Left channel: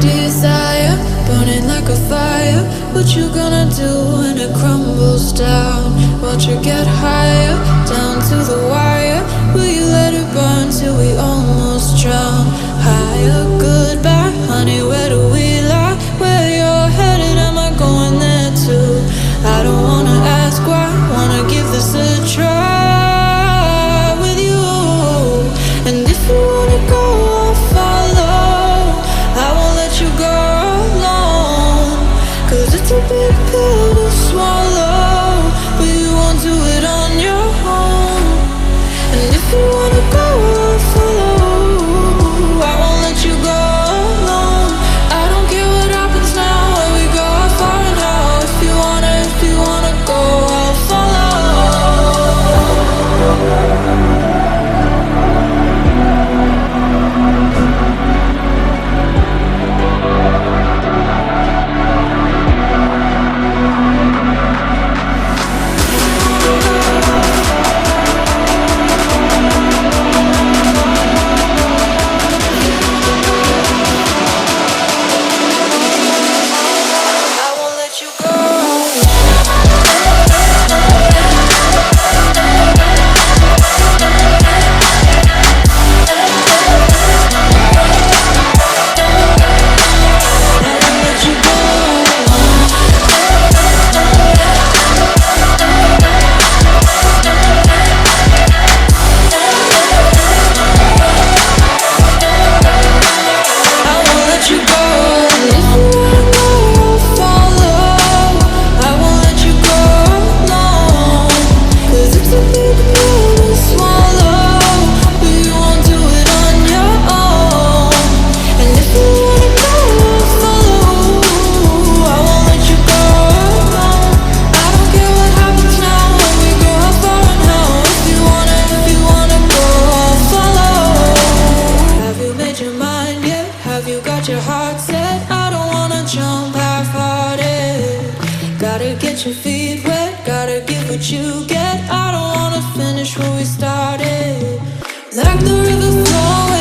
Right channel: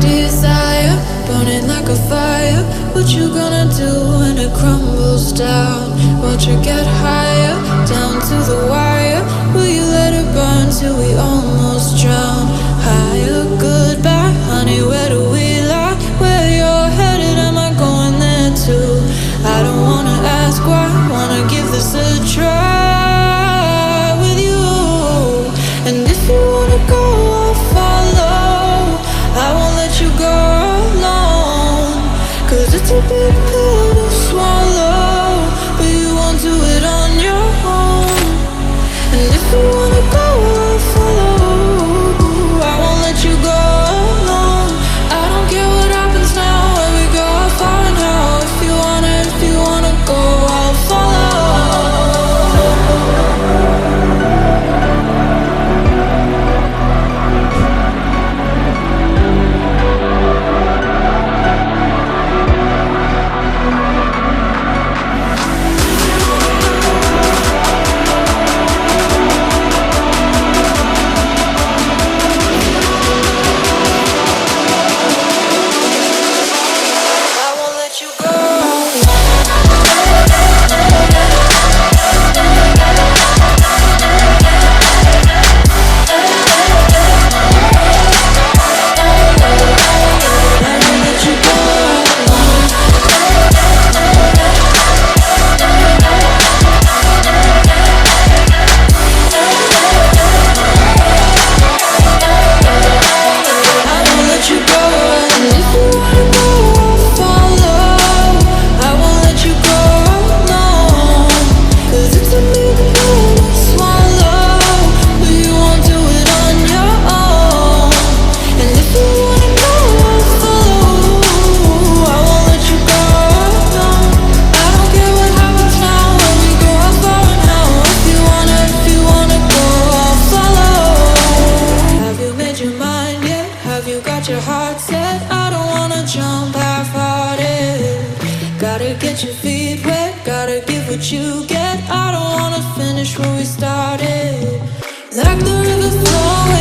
desire, burning like a fire. What you gonna do when it crumbles down? Watch it get higher, down to the wire. Will you let it burn till we almost drown? Higher, goodbye, honey, where do we lie? Where you're headed, am I going there too? I don't wanna ask why, wanna give this a try with you. And if you wanna go, I'll follow. I won't let you go alone, 'cause it's a big pill to swallow, but you won't do it on your own. And if you wanna go, I'll follow. I won't let you go alone. I don't care what happens now, where we go, how far and how. If you wanna go, I'll follow. Your heart set, I don't wanna jump half-hearted. Gotta get your feet wet, gotta give what you get. I don't wanna finish where we started. Like the river flowing